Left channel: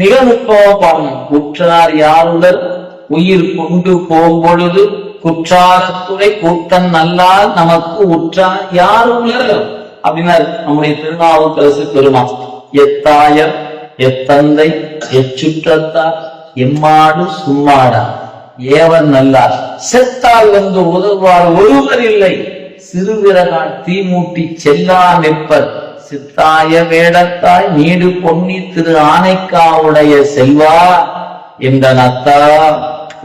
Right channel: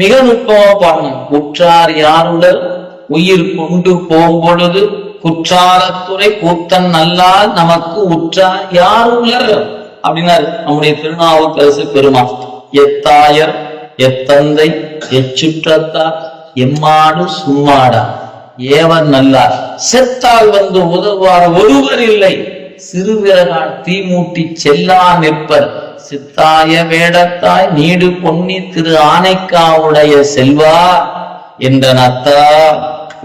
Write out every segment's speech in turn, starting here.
மிக நுட்பமா பாருங்க. குற்றார் யாருடல் உயிர் கொண்டு போம்பொழுது குற்றாலத்துறை கூத்தன் நல்லால் நமக்கு உற்றார் யாருள்ளர் அப்படின்னாரு நம்முடைய திருநாவுக்கரசு பெருமாள். எத்தாயர் எத்தந்தை எச்சுற்றத்தார் எம்மாடு சும்மாடா ஏவர் நல்லார் செத்தால் வந்து உதவுவார் ஒருவர் இல்லை சிறுவிரலால் தீமூட்டி செல்லா நிற்பர் சித்தாய வேடத்தாய் நீடு பொன்னி திரு ஆனைக்காவுடைய செல்வா என்ற நத்தா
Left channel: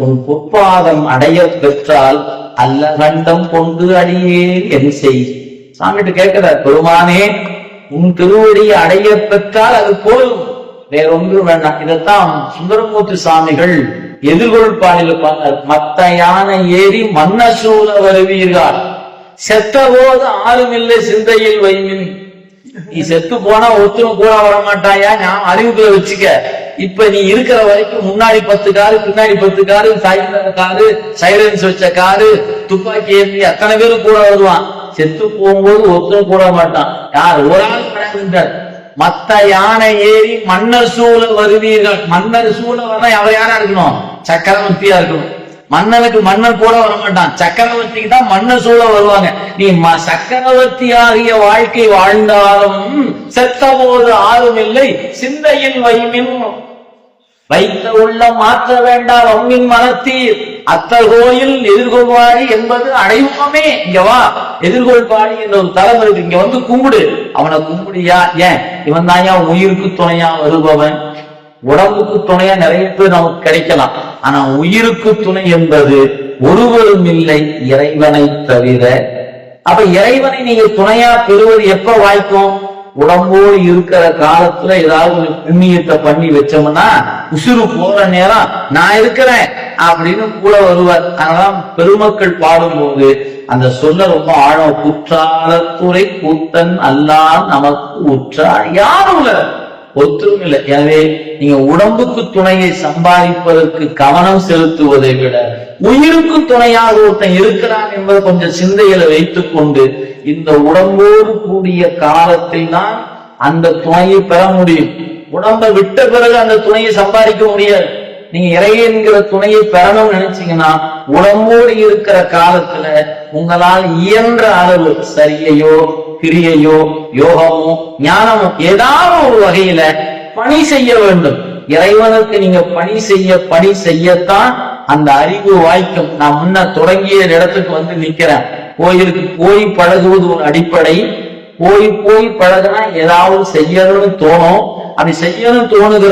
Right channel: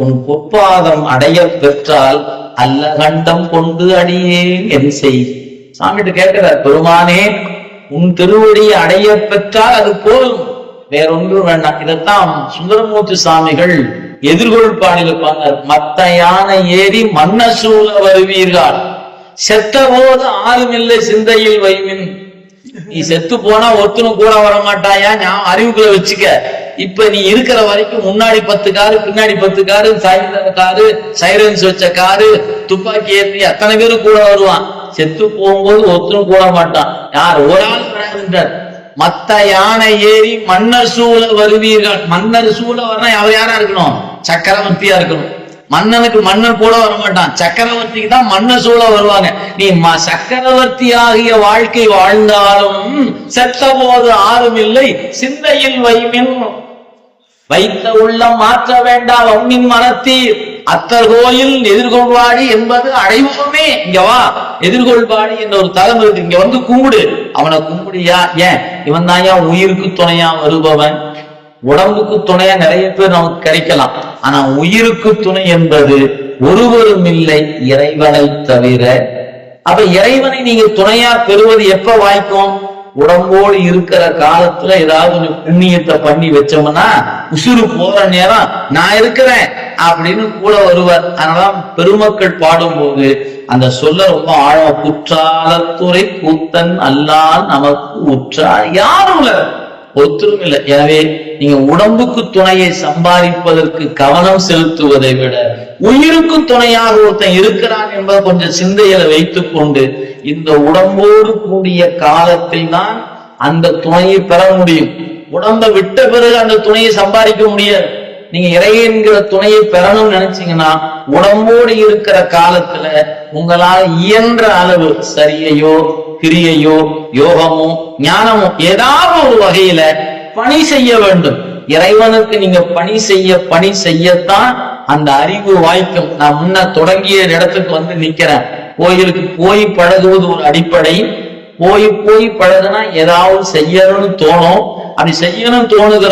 உன் பொற்பாதம் அடைய பெற்றால் அல்ல கண்டம் கொண்டு அடியே என் செய். சாமிட்டு கேட்கிறார், பெருமானே உன் திருவடியை அடைய பெற்றால் அது போதும், வேறொன்றும் வேண்டாம். இதைத்தான் சுந்தரமூர்த்தி சுவாமிகள் எதிர்கொள் பாடியில பண்ணார். மத்த யானை ஏறி மன்ன சூழ வருவீர்கள் செத்த போது ஆறுமில்லை சிந்தையில் வைமின். நீ செத்து போனா ஒருத்தரும் கூட வர மாட்டாயா, நான் அறிவுக்குள்ள வச்சுக்க. இப்ப நீ இருக்கிற வரைக்கும் முன்னாடி 10 காரு பின்னாடி 10 காரு சாய்ந்த காரு சைரன்ஸ் வச்ச காரு துப்பாக்கி ஏற்றி அத்தனை பேரும் கூட வருவான். செத்து போகும்போது ஒருத்தரும் கூட மாட்டான். யார் ஒரு ஆள் பழகுகின்றார். மத்த யானை ஏறி மன்னர் சூழ வருவீர்கள். மன்னர் சூழ வர்ற அவர் யாரா இருக்கணும்? சக்கரவர்த்தியா இருக்கணும். மன்னனுக்கு மன்னர் கூட வர மாட்டான், சக்கரவர்த்திக்கு தான் மன்னர் சூழ வருவாங்க. நீ சக்கரவர்த்தி ஆகிய வாழ்க்கை வாழ்ந்தாலும் செத்த போது ஆறும் இல்லை சிந்தையில் வைமின். வைத்த உள்ளம் மாற்ற வேண்டாம் அம்மின் மனத்தீர் அத்தர் கோயில் எதிர்கொள்வாடி என்பது அடைவாமே. இங்க வா, எதிர்கொள்வாடி என்ற ஒரு தலம் இருக்கு, இங்க வந்து கும்பிடு. அவனை கும்பிடியா? ஏன்? இவன் தாயா உயிருக்கு துணையா வருபவன். உடம்புக்கு துணையா நிறைய பேர் நமக்கு கிடைக்கலாம், ஆனா உயிருக்கு துணை என்பது ஒருவரும் இல்லை இறைவனை தவிர. அப்ப இறைவனை நீங்க துணையா பெறுவது எப்ப வாய்க்கும்? உடம்போடு இருக்கிற காலத்துல ஏதாவது ஒரு புண்ணியத்தை பண்ணி வச்சோம்னா உசுறு போற நேரம் நான் இருக்கிறேன் அப்படின்னு கூட வருவார். அதனால பெருமக்கள் பாடும்போது அந்த சொல்ல ரொம்ப ஆழம். குற்றாலத்துறை கூத்தன் அல்லால் நமக்கு உற்றார் யாரும் ஒத்துரும் இல்லை. எனவே நீங்க உடம்புக்கு துணையை சம்பாதிப்பதற்கு கவனம் செலுத்துவதை விட உயிருக்கு துணையாக ஒருத்தன் இருக்கிறான் என்பதை கொஞ்சம் சிந்தையில வைத்துக் கொண்டு இந்த உடம்போடு கூடிய காலத்தில் தான் அந்த துணையை பெற முடியும். உடம்பை விட்ட பிறகு அந்த துணையை சம்பாதிக்க முடியாது. நீங்க இறைவன்கிற துணையை பெறணும்னு நினைச்சீங்கன்னா உடம்போடு இருக்கிற காலத்துல உங்களால் இயன்ற அளவு சரியையோ கிரியையோ யோகமோ ஞானமோ ஏதாவது ஒரு வகையில பணி செய்ய வேண்டும். இறைவனுக்கு நீங்க பணி செய்யத்தான் அந்த அறிவு வாய்க்கும். நான் முன்ன தொடங்கிய இடத்துக்கு வந்து நிக்கிறேன். கோயிலுக்கு போய் பழகுவது ஒரு அடிப்படை. போய் பழகுனா ஏதாவது செய்யணும்னு தோணும். அப்படி செய்யணும்னு தோணுகிற